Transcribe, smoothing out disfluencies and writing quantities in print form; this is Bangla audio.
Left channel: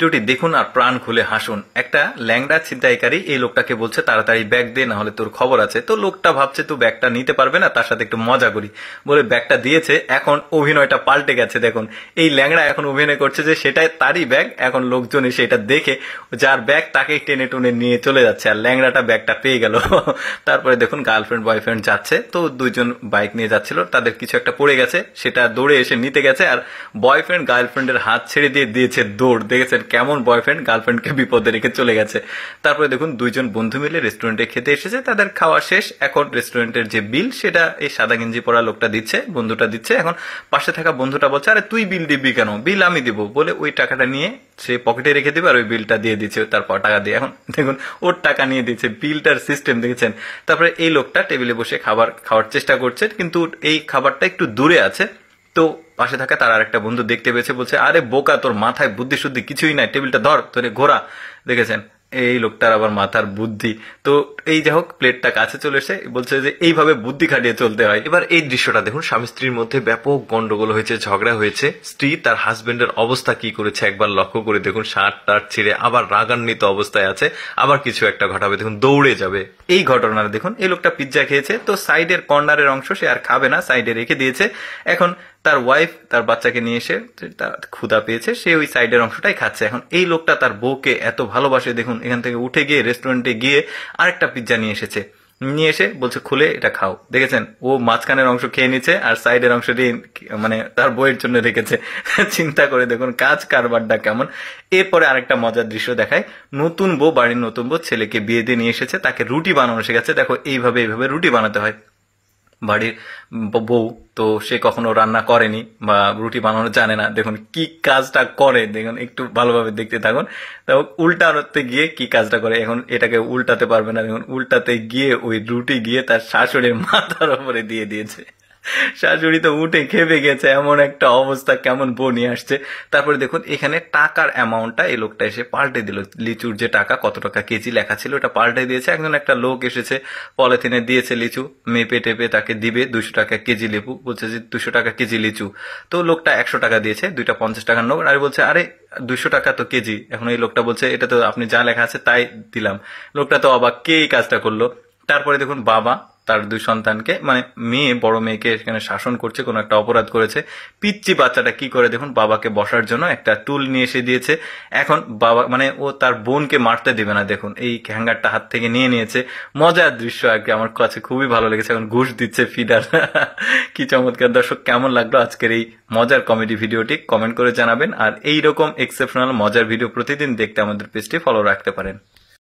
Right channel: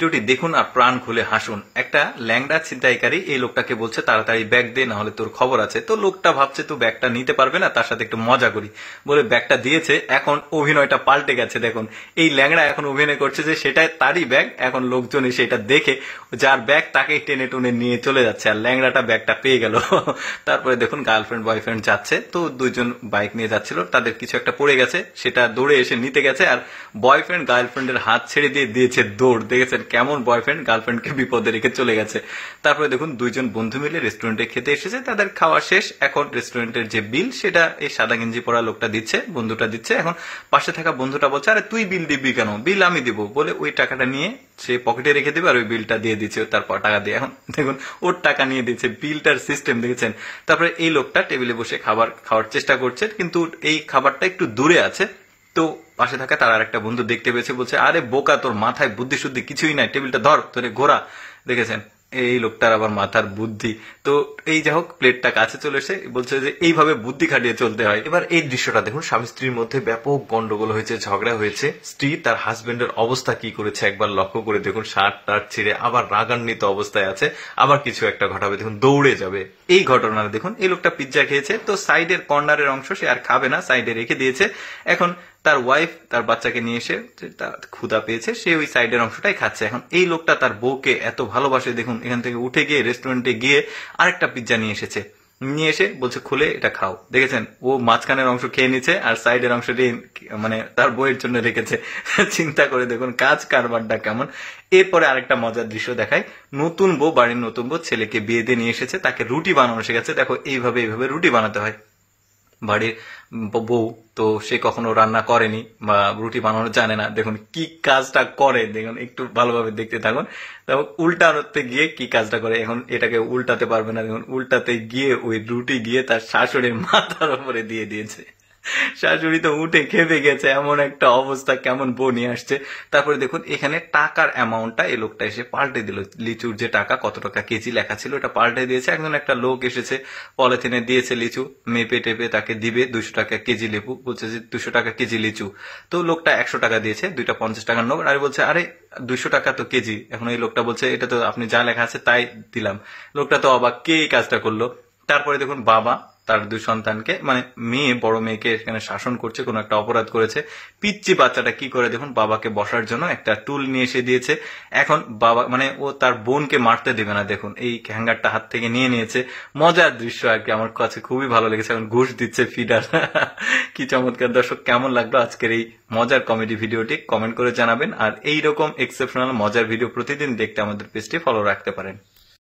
ভিডিওটি দেখুন আর প্রাণ খুলে হাসুন। একটা ল্যাংড়া ছিনতাইকারী এই লোকটাকে বলছে তাড়াতাড়ি ব্যাগ দে, না হলে তোর খবর আছে। তো লোকটা ভাবছে তো ব্যাগটা নিতে পারবে না, তার সাথে একটু মজা করি বলে ব্যাগটা দিয়েছে। এখন অভিনয়টা পাল্টে গেছে, দেখুন এই ল্যাংড়া এখন অভিনয় করছে যে সেটাই তারই ব্যাগ। এখন লোকজন এসে এটা দেখে যার ব্যাগ তাকে টেনে টুনে নিয়ে চলে যাচ্ছে, আর ল্যাংড়াটা ব্যাগটা পেয়ে গেল। তারপরে দেখুন গার্লফ্রেন্ড বয়ফ্রেন্ড যাচ্ছে, তো দুইজন বাইক নিয়ে যাচ্ছিল, তাদের কিছু একটা পড়ে গেছে, সেটা দৌড়ে এসে নিতে গেছে, আর বয়ফ্রেন্ড গার্লফ্রেন্ডের হাত ছেড়ে দিয়ে দিয়েছে দৌড়। দেখেছেন কেমন বয়ফ্রেন্ড গার্লফ্রেন্ডকে বিপদে রেখে চলে গেছে। তারপরে দেখুন দুইজন বন্ধু মিলে রেস্টুরেন্টে খেতে এসেছে, তাদের খাওয়া শেষ। এখন রেস্টুরেন্টের যে বিল সেটা এই সাদা গেঞ্জি পরা লোকটা দিচ্ছে, বন্ধুটা দিচ্ছে। এখন পাশে থাকা বন্ধুটা বলছে আরে তুই বিল দিবি কেন, বিল আমি দিব বলে ওই টাকাটা নিয়ে সে পকেটে রেখে দিবে আর ওই বিলটা দিয়ে দিচ্ছে তারপর টাকা দিয়ে। এখন দেখুন ওর টাকা নিয়ে দিচ্ছে, বিলটার সিস্টেম দেখেছেন। তারপরে এই লোকটা টেবিলে বসে খাওয়ার চেষ্টা করছে, কিন্তু এই খাবারটা একটু দূরে আছে। তো পাশে থাকা তার আর একটা বন্ধু দেখতে পেয়েছে, বলছে আরে বোকা তোর মাথায় বুদ্ধি শুদ্ধি কিছুই নাই, টেবিলটা ধর তোরে ঘোরা। দেখেছেন এই লোকটার আবার মাথার বুদ্ধি। তো এই যাই হোক প্লেটটা কাছে চলে এসে বলছে যে এইভাবে বুদ্ধি খাটিয়ে চলতে হয়। এবার এই দৃশ্যটা দেখুন, স্বামী স্ত্রীর মধ্যে ব্যাপক গন্ডগোল হয়েছে, ঝগড়া হয়েছে। স্ত্রী তার হাজবেন্ডের অবস্থা কি করেছে একবার লক্ষ্য করে দেখুন, শার্ট টার্ট ছিঁড়ে আবার রাগান্বিত অবস্থায় আছে, আবার কিছু একটা ঘটাবে দেখুন দৌড়ে যাবে। এই ঘটনাটা দেখুন, এই লোকটা পিৎজা খেয়েছে, তো সাইডের কর্নারের অংশ সে আর খাবে না, সাইডে রেখে দিয়েছে। এখন তার ওয়াইফ তার বাচ্চাকে নিয়ে এসে ক্ষুধা পেয়েছে, সে ওই সাইডের অংশটাই খাচ্ছে। এখন এই লোকটা তার বউকে এত ভালোবাসে, দেখুন এখান থেকে উঠে গিয়ে রেস্টুরেন্টে গিয়ে আরেকটা পিৎজা নিয়ে এসেছে, নিয়ে এসে বলছে খুলে এটা খাও। দেখেছেন ও মাঝখানের অংশ খেয়ে নিচ্ছে আর সাইডের অংশটি মানে তার বইয়ের জন্য রেখেছে। চিন্তা করে দেখুন কাজ কারবারটা কেমন। এরপরে আরেকটা মজার দৃশ্য দেখায়, নতুন বউ, বাড়ির নতুন বউ ছেলেকে বিয়ে দিয়ে নিয়ে এসেছে, তাকে রুটি বানানো শিখেছে। দেখো এইভাবে রুটি বানাতে হয়। বাড়ির বউ তো সে কখনো রান্না করেনি বা রুটি বানানো জানে না, দেখুন কি কাজটা করে, দেখুন একটু ভালোভাবে দেখতে থাকুন। উল্টাতে গিয়ে কি কাজটা করে, এখন এটাকে উল্টাতে পারবে না, দেখুন উল্টাতে গিয়ে ওই রুটি গিয়ে তার শাশুড়ির মাথার উপরে দিয়ে দিয়েছে। শাশুড়ি তো উঠে খেপে গেছে, এমন একটা অবস্থা, কেমন বউ নিয়ে আসছে। তারপরে দেখুন এখানে টাকার অ্যামাউন্টটা এই লোকটা এসে পাল্টে দিল, লিচুর যে টাকা কত টাকা কেজি লেখা ছিল ওটা পাল্টে দিয়েছে। একজন একটা লোক এসেছে পলিথিনে দিয়েছে লিচু, মেপে টেপে তাকে দিবে 200 টাকা কেজি লেবু, বলছে যে 200 টাকা কেজি লিচু। তো লোকটা 100 টাকা দিয়েছে, দুইটা 50 টাকার নোট, আর বলছে আরে 200 টাকা তো কেজি। এখন এই লোকটা বলছে এটা তো আপনি যা লেখা আছে তাই দিলাম। লোকটা তো অবাক, কে এই কাজটা করলো। তারপরে দেখুন বাবা তার 2 সন্তানকে, মানে মেয়ে বড় মেয়েকে এখানে শাসন করছে, কোনো একটা অপরাধ করেছে। পিচ্চি বাচ্চাটা কি করে দেখুন, বাবাকে বসার জন্য একটা টুল নিয়ে এসে দিয়েছে। এখন বাবা মানে ও তার বোনকে মারতে দিবে না, দেখুন এই হ্যাঙ্গারটা হাত থেকে নিয়ে নিয়েছে। মজার দৃশ্য আর কি, আমার কাছে খুবই ভালো লেগেছে। এখন ঘুষ দিচ্ছে ফিডার। কি চমৎকার। দর্শক কেমন লাগলো আজকের এই মজার কমেডি ভিডিওটি কমেন্ট করে জানাবেন, আর এইরকম এক্সেপশনাল মজার ভিডিও প্রতিদিন দেখতে আমাদের পেজটি ফলো রাখতে পারেন।